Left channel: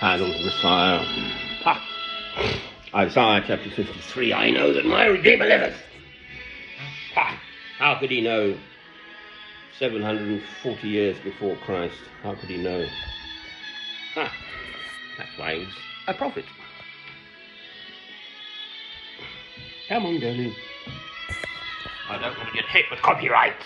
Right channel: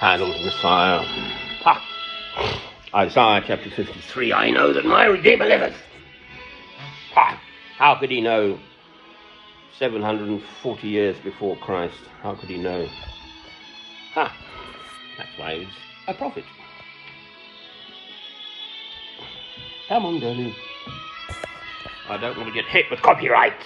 Handel's Messiah. Ha! Isaiah chapter 53, I know that my Redeemer liveth. Ha! How could he know 740 years before Christ? How could he know? Ha! That's why he's a prophet. Come on, Danny. I don't want to get hit with copyright.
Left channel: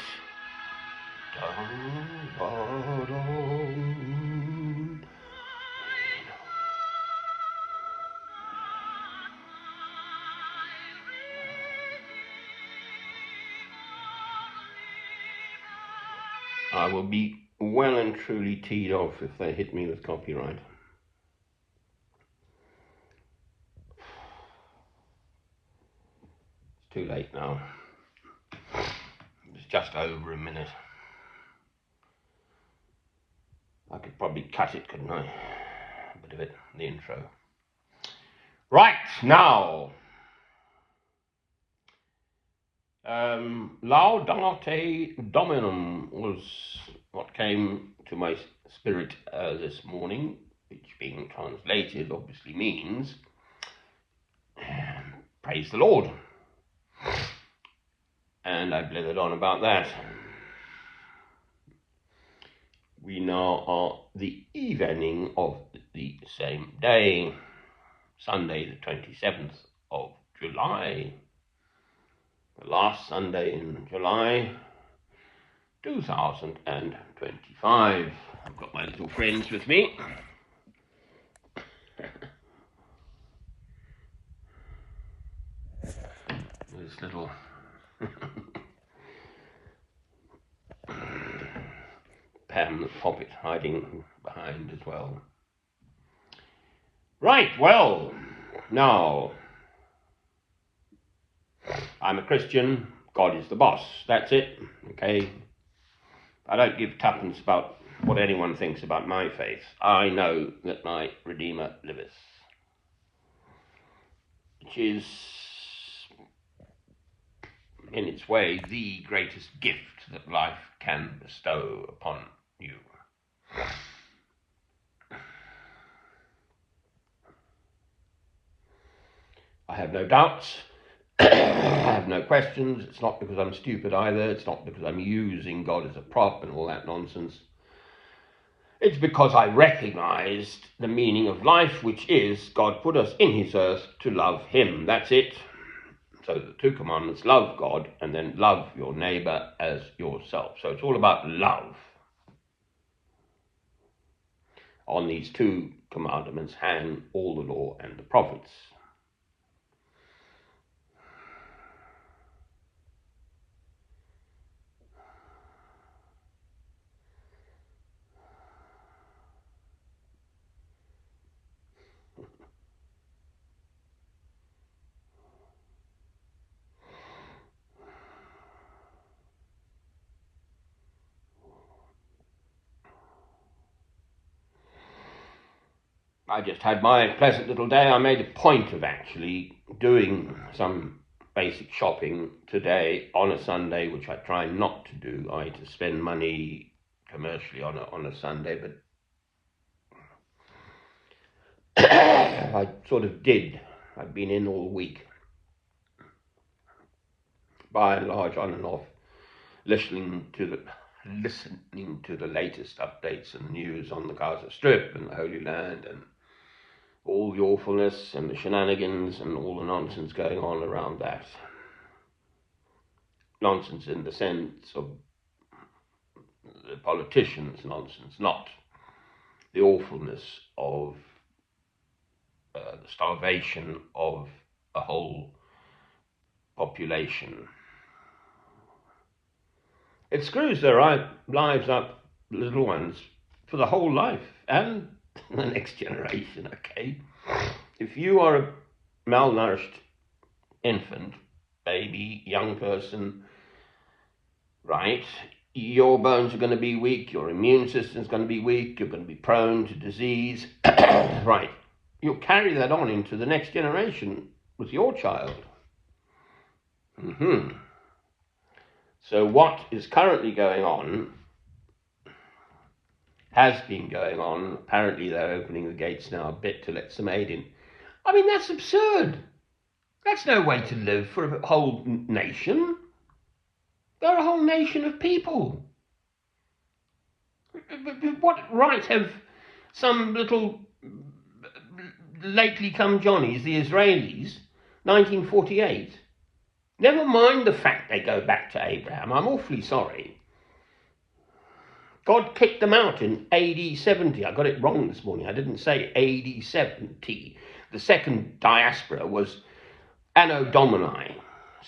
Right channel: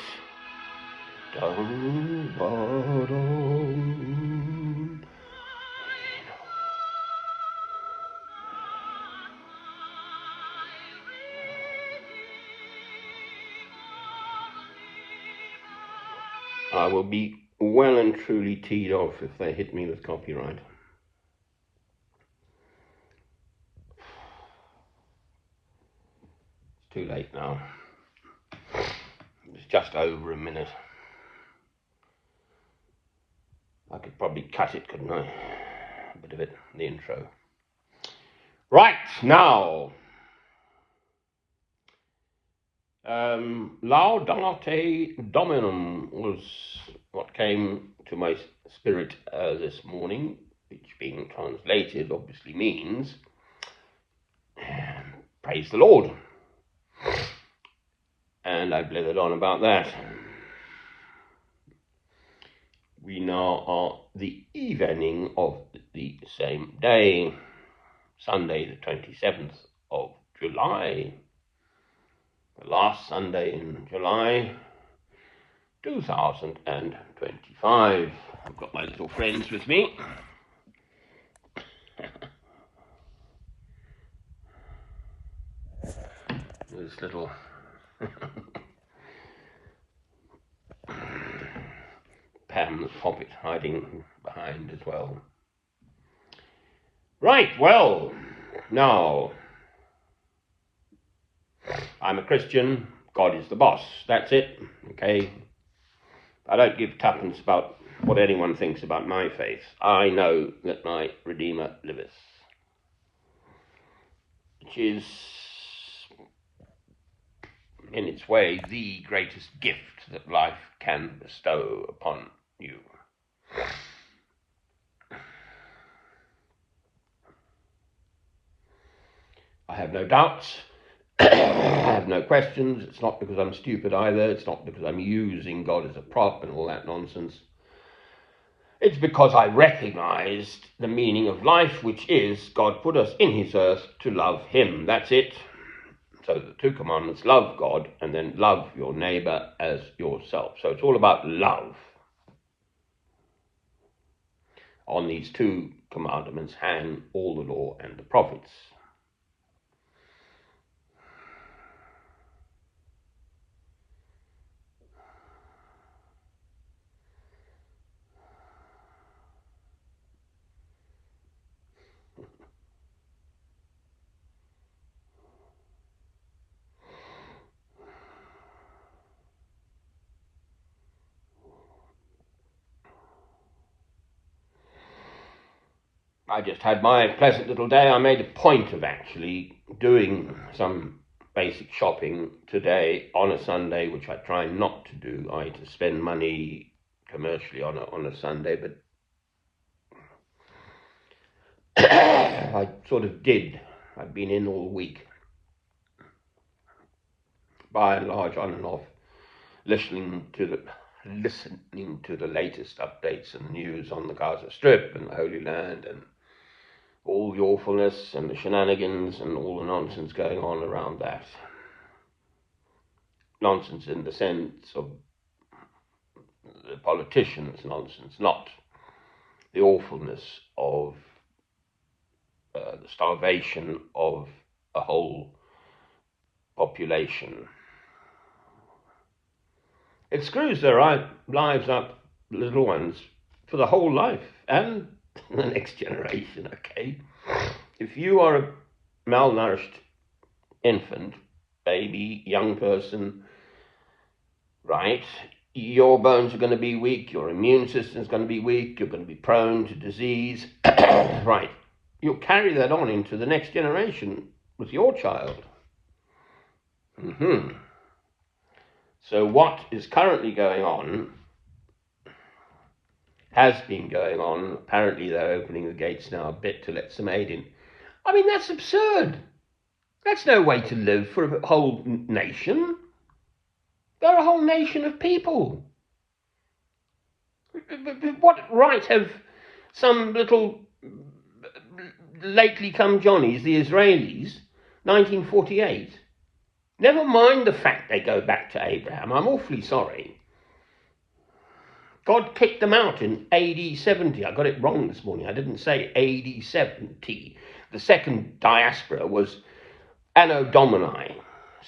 I will be well and truly teed off if they hit me with copyright. Too late now. It's just over a minute. I could probably cut it, couldn't I? A bit of it, the intro. Right, now. Laudate Dominum was what came to my spirit this morning, which being translated obviously means praise the Lord. And I blittered on about that. We now are the evening of the same day, Sunday the 27th of July, the last Sunday in July 2025. I've got my little friends with me. This little Pam Poppet hiding behind as well. Right, well, now, I'm a Christian, God is the boss, that's it, okay? I don't give tuppence about what anyone thinks about my faith. I know that my Redeemer liveth, which is, in its way, the greatest gift that life can bestow upon you. I have no doubts. I have no questions. It's not because I'm stupid either. It's not because I'm using God as a prop and all that nonsense. It's because I recognized the meaning of life, which is God put us in his earth to love him. That's it. So the two commandments, love God and then love your neighbor as yourself. So it's all about love. On these two commandments hang all the law and the prophets. I just had my pleasant little day. I made a point of actually doing some basic shopping today on a Sunday, which I try not to do. I to spend money commercially on a Sunday, but I sort of did. I've been in all week, by and large, on and off, listening to the latest updates and news on the Gaza Strip and the Holy Land and all the awfulness and the shenanigans and all the nonsense going on around that. Nonsense in the sense of the politicians' nonsense, not the awfulness of the starvation of a whole population. It screws their lives up, little ones, for the whole life and the next generation, okay? If you are a malnourished infant, baby, young person, right, your bones are going to be weak, your immune system is going to be weak, you're going to be prone to disease, right? You'll carry that on into the next generation with your child. So what is currently going on has been going on. Apparently they're opening the gates now a bit to let some aid in. I mean, that's absurd. That's no way to live for a whole nation. They're a whole nation of people. What right have some little lately come Johnnies, the Israelis, 1948? Never mind the fact they go back to Abraham. I'm awfully sorry. God kicked them out in AD 70. I got it wrong this morning. I didn't say AD 70. The second diaspora was Anno Domini,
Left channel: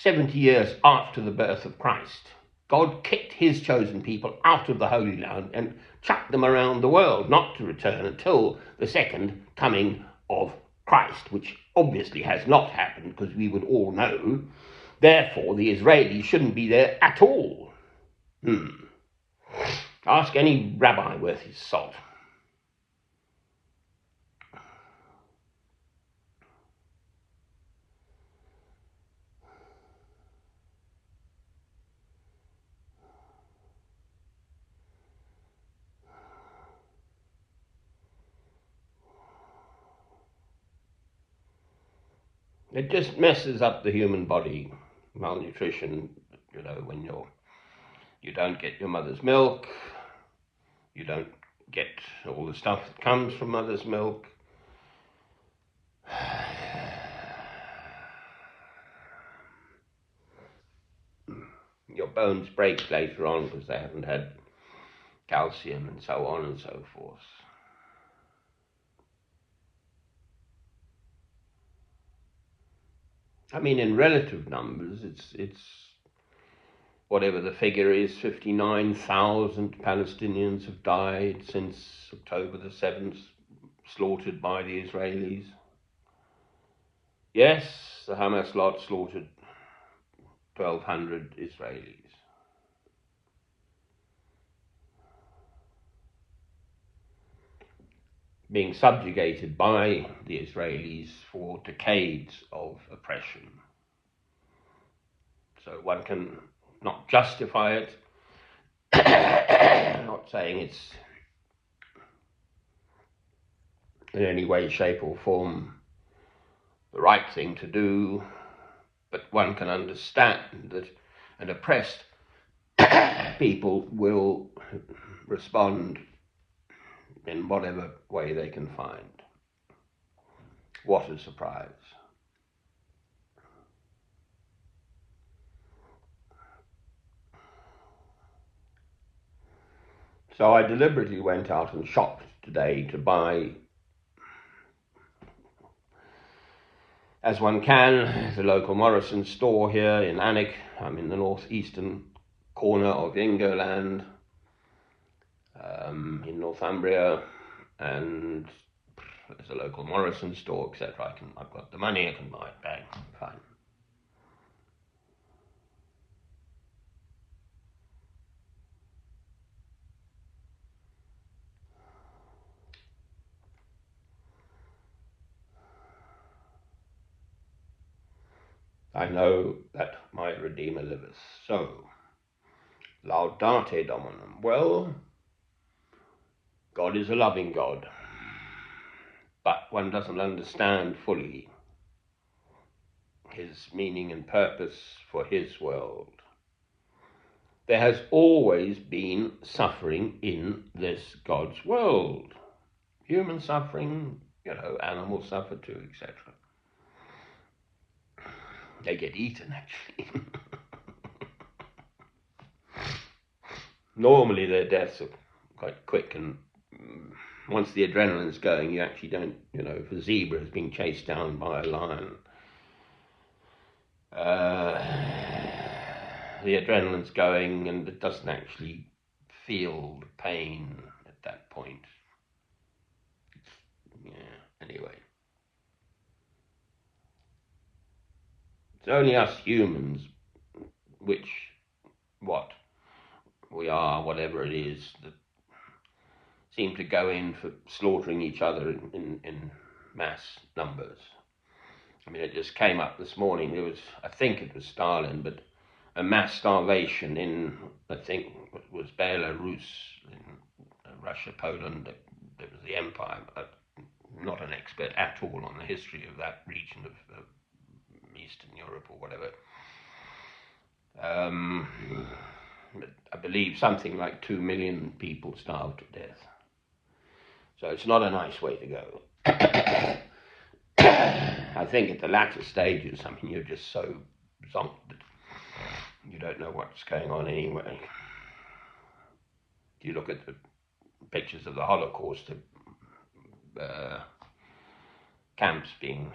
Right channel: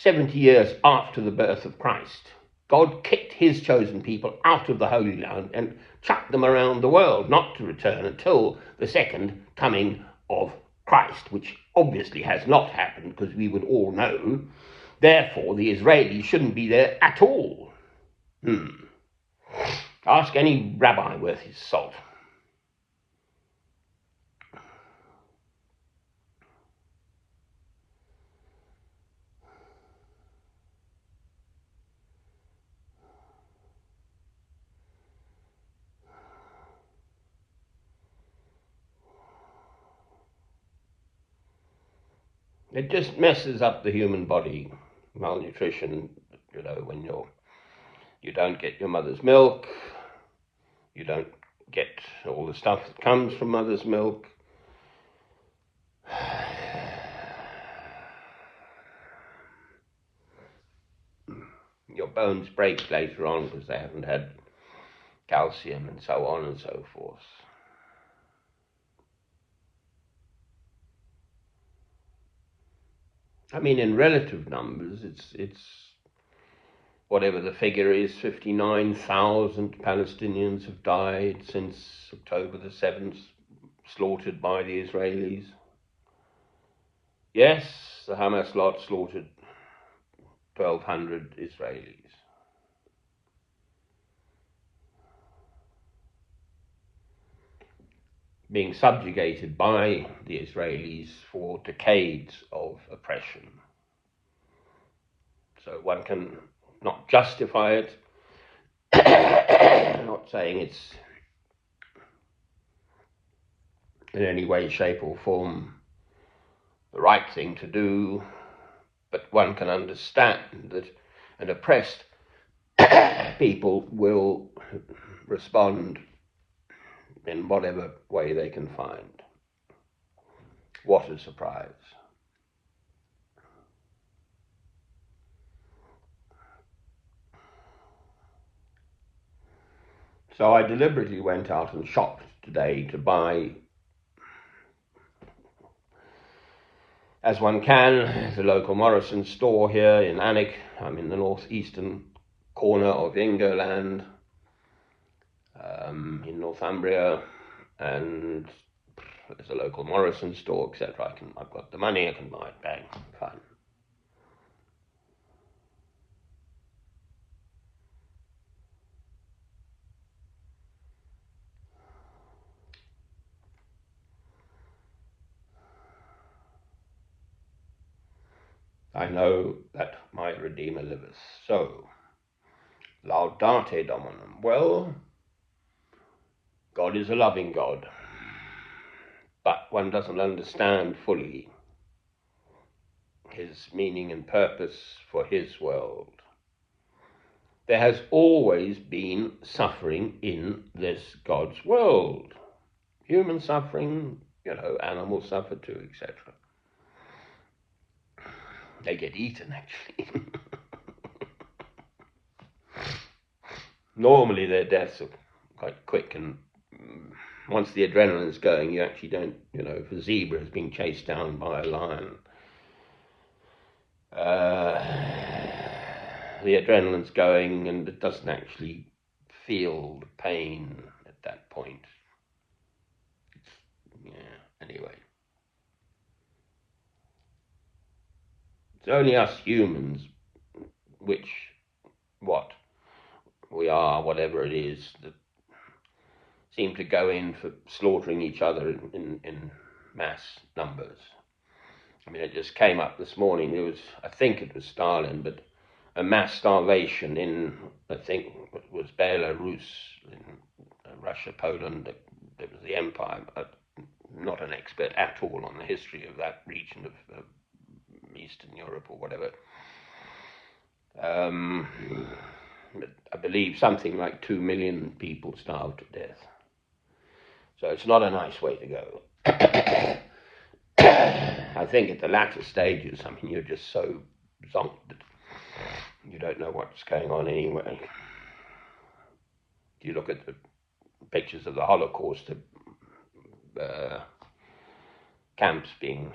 70 years after the birth of Christ. God kicked his chosen people out of the Holy Land and chucked them around the world, not to return until the second coming of Christ, which obviously has not happened, because we would all know. Therefore, the Israelis shouldn't be there at all. Ask any rabbi worth his salt. It just messes up the human body. Malnutrition, when you don't get your mother's milk, you don't get all the stuff that comes from mother's milk. Your bones break later on because they haven't had calcium and so on and so forth. I mean, in relative numbers, it's whatever the figure is, 59,000 Palestinians have died since October the 7th, slaughtered by the Israelis. Yes, the Hamas lot slaughtered 1,200 Israelis. Being subjugated by the Israelis for decades of oppression. So one can not justify it, I'm not saying it's in any way, shape or form the right thing to do, but one can understand that an oppressed people will respond in whatever way they can find. What a surprise. So I deliberately went out and shopped today to buy, as one can, the local Morrison store here in Alnwick. I'm in the northeastern corner of Ingoland, in Northumbria, and there's a local Morrison store, etc. I've got the money, I can buy it, bang, fine. I know that my Redeemer liveth. So, laudate Dominum. Well, God is a loving God, but one doesn't understand fully his meaning and purpose for his world. There has always been suffering in this God's world. Human suffering, animals suffer too, etc. They get eaten, actually. Normally their deaths are quite quick, and once the adrenaline's going, you actually don't, if a zebra has been chased down by a lion, the adrenaline's going and it doesn't actually feel the pain at that point. Anyway. It's only us humans, which, we are, whatever it is, that seem to go in for slaughtering each other in mass numbers. I mean, it just came up this morning, I think it was Stalin, but a mass starvation in, I think it was Belarus, Russia, Poland, there was the empire. I'm not an expert at all on the history of that region of Eastern Europe or whatever. I believe something like 2 million people starved to death. So it's not a nice way to go. I think at the latter stages, I mean, you're just so zonked that you don't know what's going on anyway. You look at the pictures of the Holocaust, the camps being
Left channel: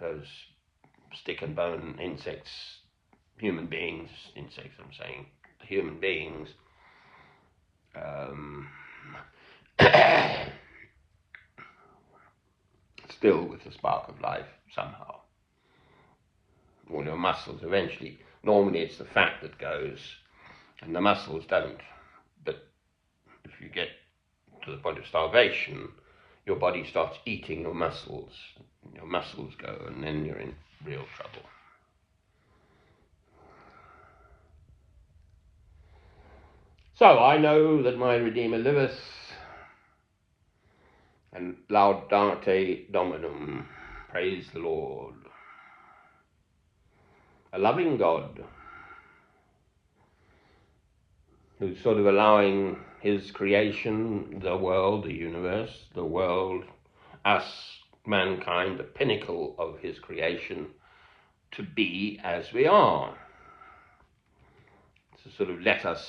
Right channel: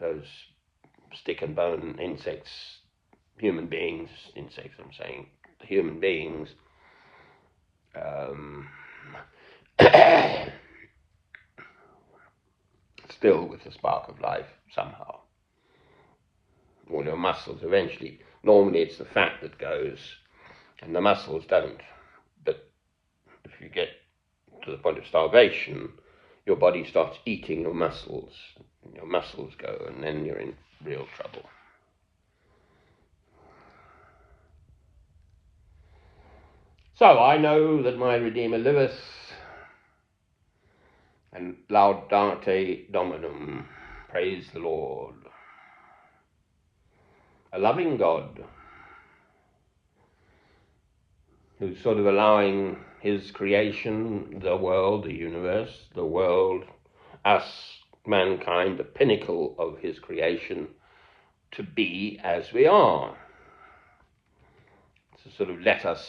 those stick and bone insects, human beings, insects I'm saying, human beings, still with a spark of life somehow. All your muscles eventually, normally it's the fat that goes and the muscles don't. But if you get to the point of starvation, your body starts eating your muscles go, and then you're in real trouble. So I know that my Redeemer liveth, and laudate Dominum, praise the Lord. A loving God who's sort of allowing his creation, the world, the universe, the world, us, mankind, the pinnacle of his creation, to be as we are. To sort of let us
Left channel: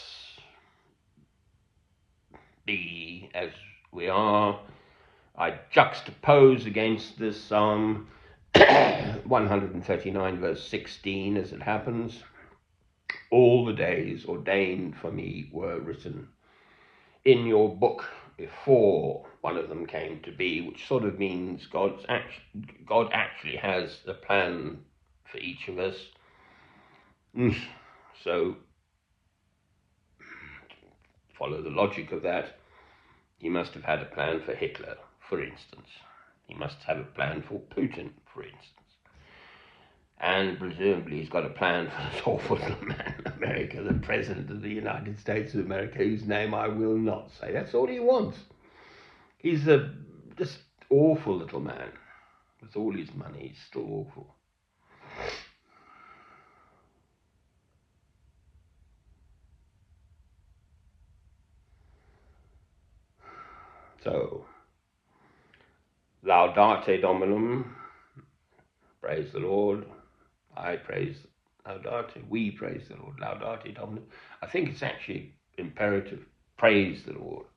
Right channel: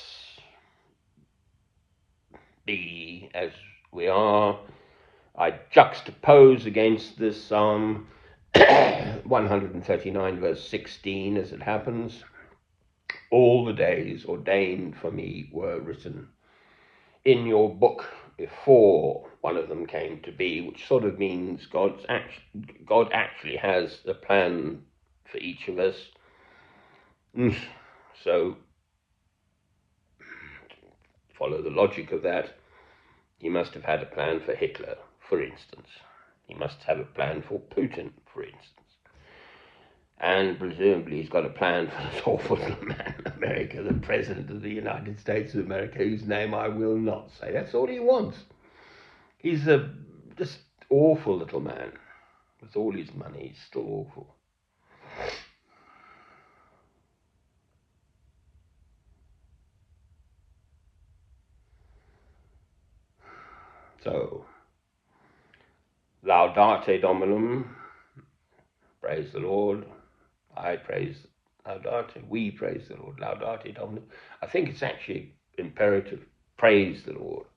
be as we are. I juxtapose against this Psalm 139 verse 16 as it happens. All the days ordained for me were written in your book before one of them came to be, which sort of means God actually has a plan for each of us. So, follow the logic of that. He must have had a plan for Hitler, for instance. He must have a plan for Putin, for instance. And presumably he's got a plan for this awful man, America, the President of the United States of America, whose name I will not say. That's all he wants. He's a just awful little man. With all his money, he's still awful. So, laudate Dominum, praise the Lord. I praise, laudate, we praise the Lord, laudate Dominum. I think it's actually imperative, praise the Lord.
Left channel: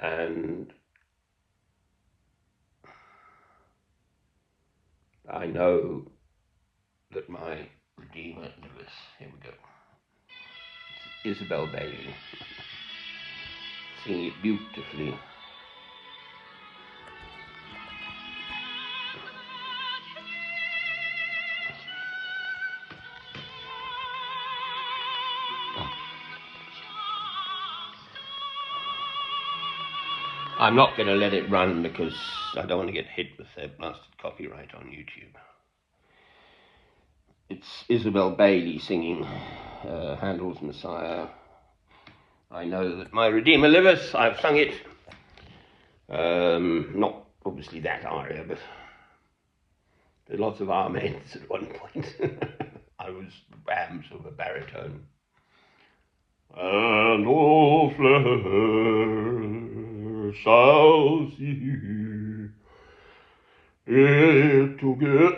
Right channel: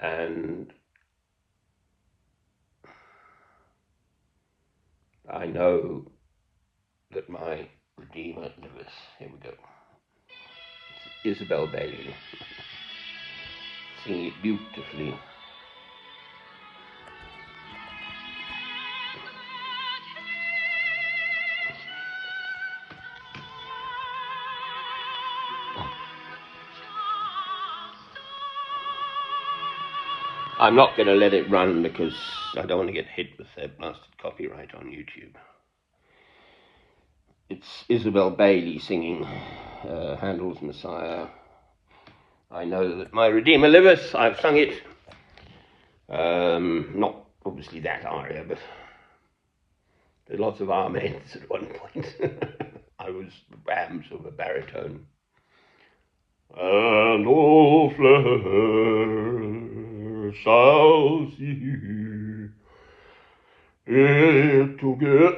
And I know that my Redeemer liveth. Here we go. Isabel Bailey, singing it beautifully. I'm not going to let it run because I don't want to get hit with that blasted copyright on YouTube. It's Isabel Bailey singing Handel's Messiah. I know that my Redeemer liveth. I've sung it. Not obviously that aria, but there's lots of amens at one point. I was sort of a baritone. And all flesh shall see it together